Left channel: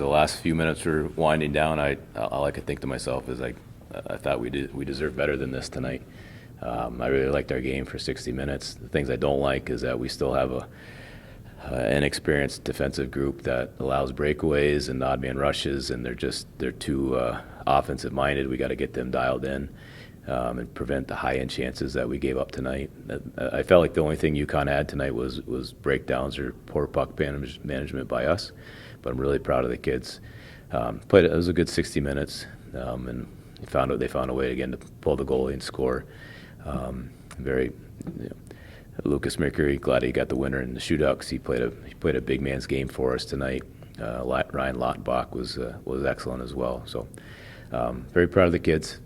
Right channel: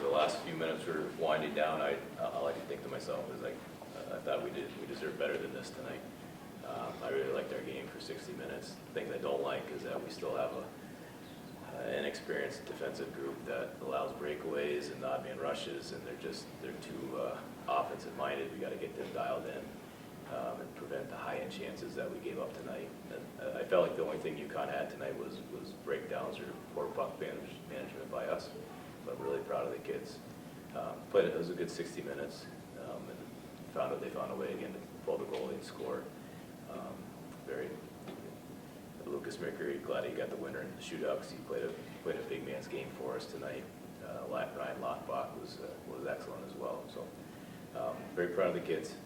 the last few minutes were winding down, all I could think to myself is I thought we deserved better than this tonight. I really liked our game for 60 minutes. The things I don't like is that we still have an inexperienced defensive group that allows breakaways and odd man rushes, and they're too offensive minded. We got to get them dialed in and prevent the high end chances that we gave up tonight. I felt like the only thing UConn had tonight was breakdowns or poor puck management by us, but I'm really proud of the kids. It was a good 60 minutes, and they found a way again to pull the goalie and score. Lucas Mercury, glad he got the winner in the shootout because he played a big man's game for us tonight. Ryan Lautenbach was excellent as well. So very proud of the kids.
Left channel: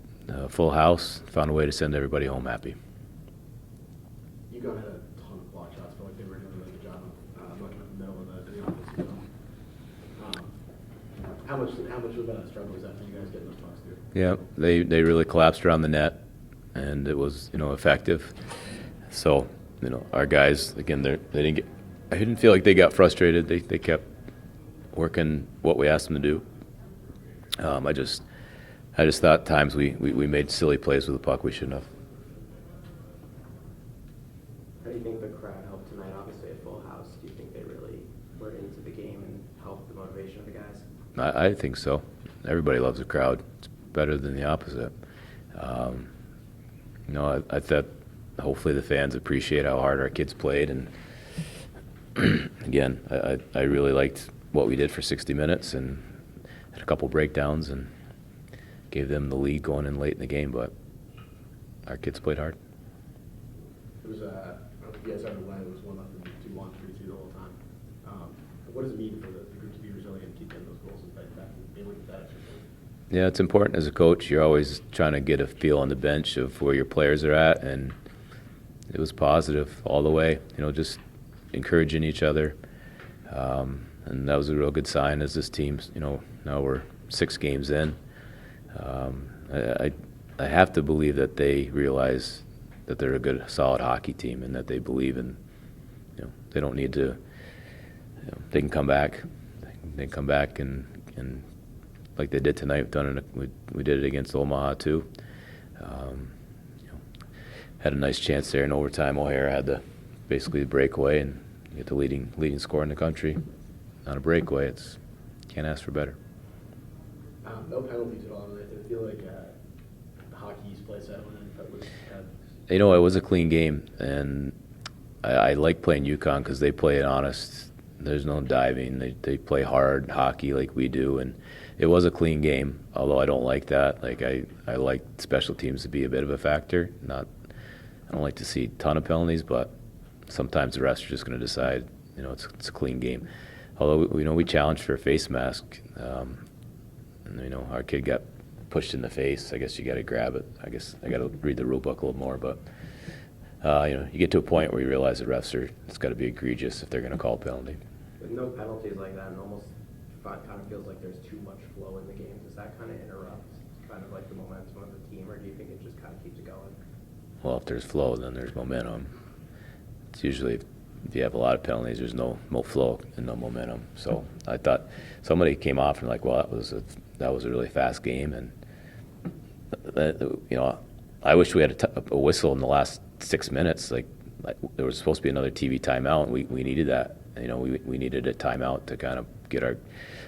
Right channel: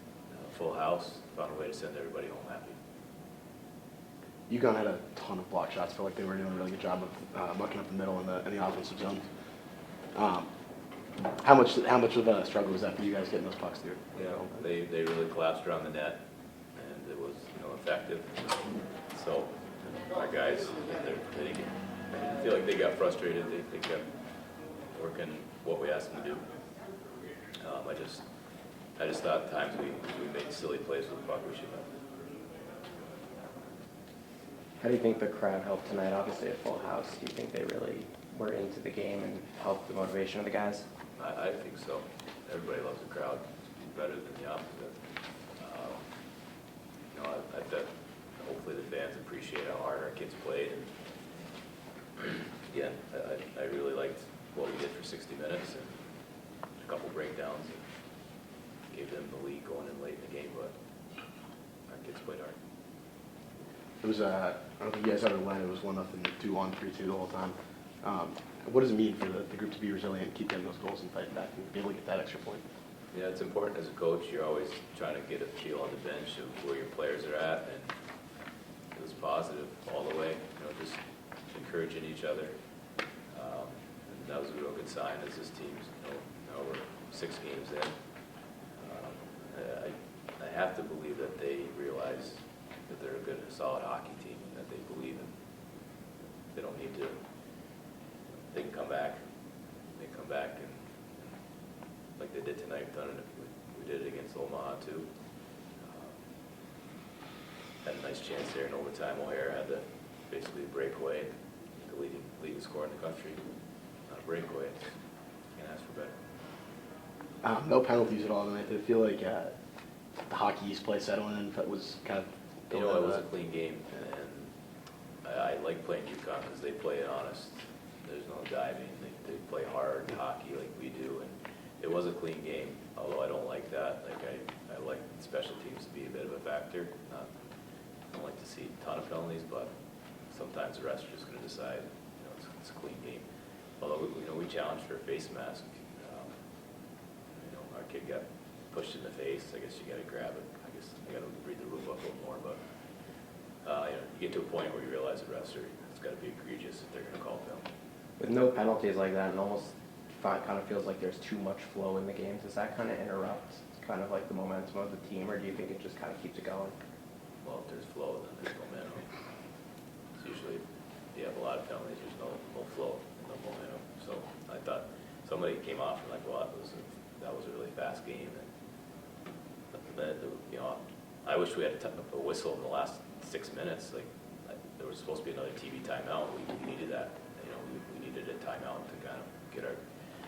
Full house, found a way to send everybody home happy. UConn had a ton of block shots. Felt like they were doing a really good job of mucking up the middle in the offensive zone. How much of a struggle was that for you guys getting those pucks through? Yeah, they really collapsed around the net, and it was effective. So our guys again, they didn't get. I didn't feel like they got frustrated. They kept working what we asked them to do. I just thought at times we made silly plays with the puck we shouldn't have. How do you think the crowd helped tonight? Obviously a full house. Do you think they really were into the game and helped the motivation of the guys? I think so. Everybody loves the crowd. It's better than the opposite. I thought hopefully the fans appreciate how hard our kids played. And again, I really liked what we did for 60 minutes and had a couple breakdowns and gave them the lead going in late in the game. But our kids played hard. It was I don't think you guys ever went. It was 1-0, 2-1, 3-2 the whole time. What does it mean for the group to be resilient, keep getting those goals and fight back and be able to get that extra point? Yeah, it's important as a coach. You're always trying to get a feel on the bench of where your players are at, and it was positive all the way. Just encouraging each other, and that was a real good sign as this team's. Now we're 6 games in. I have to believe that they realize that they're a good, solid hockey team, and that they believe in. They don't need to. They can come back. They can come back and like they did tonight. We did it against Omaha too. Had a nice chance there in overtime. O'Hara had basically the breakaway and get the leading scorer in the country on a breakaway. Can't ask for better. No penalties at all tonight. Did it feel like the Hockey East play settling in was kind of? It was a clean game, and I like playing UConn because they play it honest. There's no diving. They play hard hockey like we do, and it was a clean game. Although I don't like that. Like I like special teams to be a bit of a factor. I don't like to see a ton of penalties, but sometimes the refs are just going to decide. It's a clean game. Although we challenged for a face mask, and our kid got pushed in the face. I guess you got to grab it. I guess I got to read the rule book a little more, but. You get to a point where you realize the refs it's got to be egregious if they're going to call a penalty. With no penalties like that, and almost kind of feels like there's too much flow in the game. Does that kind of interrupt kind of like the momentum of the team, or do you think it just kind of keeps it going? Well, if there's flow, then there's momentum. It's usually if you have a lot of penalties, there's no flow and no momentum. So I thought somebody came off and well, that was a really fast game, and I wish we had a whistle in the last 6 minutes. Like there was supposed to be another TV timeout, and we needed that. We needed a timeout to kind of get our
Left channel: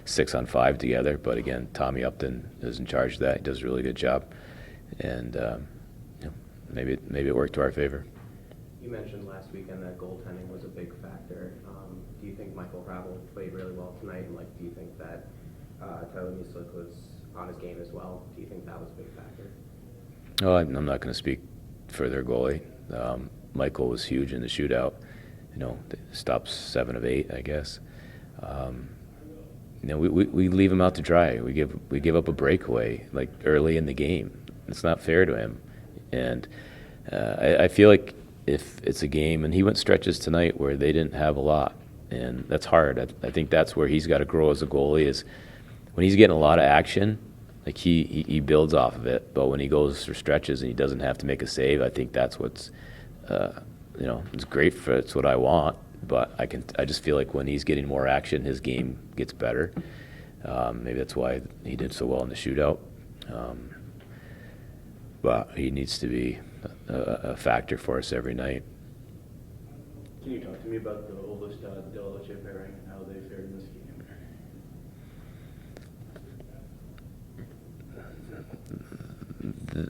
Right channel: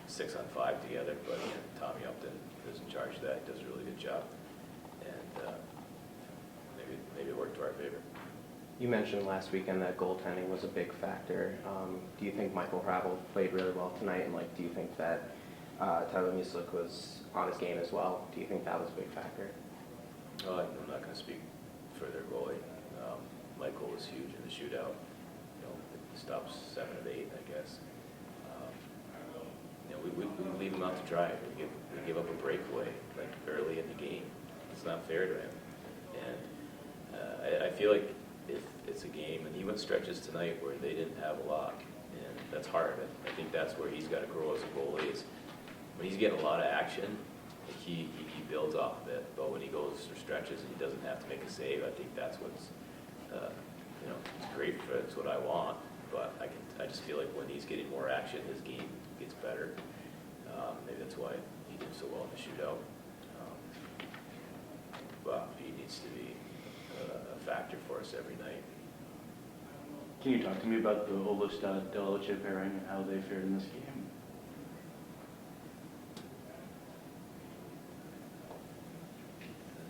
6-on-5 together. But again, Tommy Upton is in charge of that. He does a really good job, and maybe it worked to our favor. You mentioned last weekend that goaltending was a big factor. Do you think Michael Carvel played really well tonight, and do you think that Tyler Musick was on his game as well? Do you think that was a big factor? Oh, I'm not going to speak for their goalie. Michael was huge in the shootout. Stops 7 of 8, I guess. We leave him out to dry. We give up a breakaway early in the game. It's not fair to him, and I feel like if it's a game, and he went stretches tonight where they didn't have a lot, and that's hard. I think that's where he's got to grow as a goalie is when he's getting a lot of action. He builds off of it, but when he goes for stretches and he doesn't have to make a save, I think that's what's it's great for. It's what I want, but I just feel like when he's getting more action, his game gets better. Maybe that's why he did so well in the shootout. But he needs to be a factor for us every night. Can you talk to me about the Olustad-Delice pairing and how they fared in this game?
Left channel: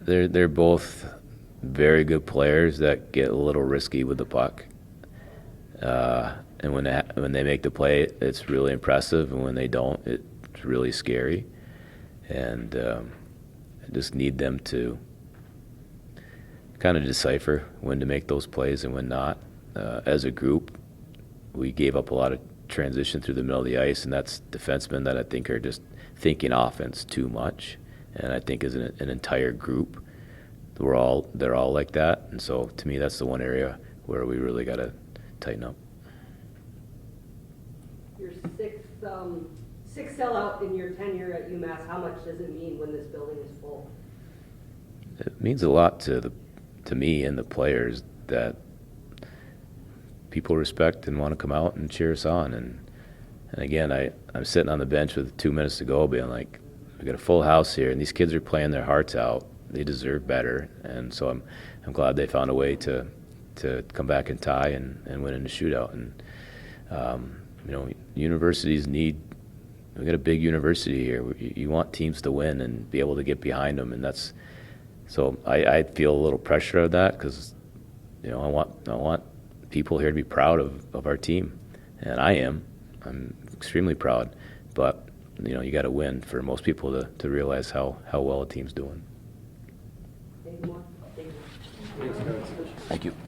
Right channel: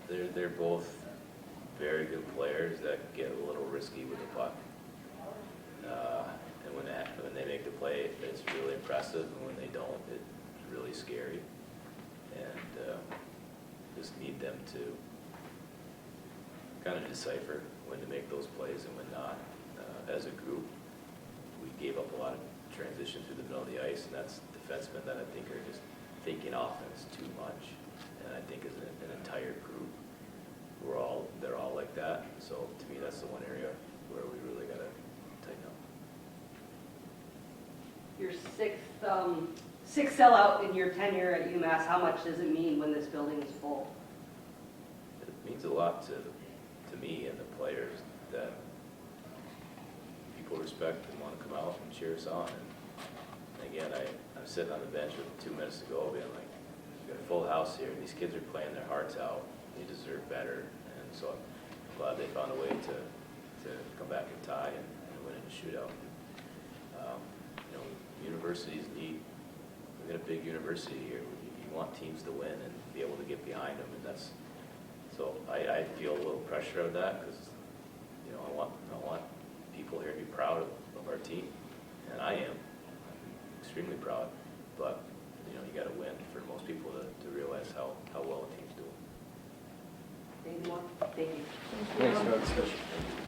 They're both very good players that get a little risky with the puck. And when they make the play, it's really impressive, and when they don't, it's really scary. And I just need them to kind of decipher when to make those plays and when not. As a group, we gave up a lot of transition through the middle of the ice, and that's defensemen that I think are just thinking offense too much. And I think as an entire group, they're all like that. And so to me, that's the one area where we really got to tighten up. Your sixth sellout in your tenure at UMass, how much does it mean when this building is full? It means a lot to me and the players that people respect and want to come out and cheer us on. And again, I'm sitting on the bench with 2 minutes to go being like, we got a full house here, and these kids are playing their hearts out. They deserve better. And so I'm glad they found a way to come back and tie and win in the shootout. And, universities we got a big university here. You want teams to win and be able to get behind them. And so I feel a little pressure of that because, I want people here to be proud of our team. And I'm extremely proud. But, you got to win for most people to realize how well a team's doing. Anything more? Thank you. Thanks, Coach. Thank you.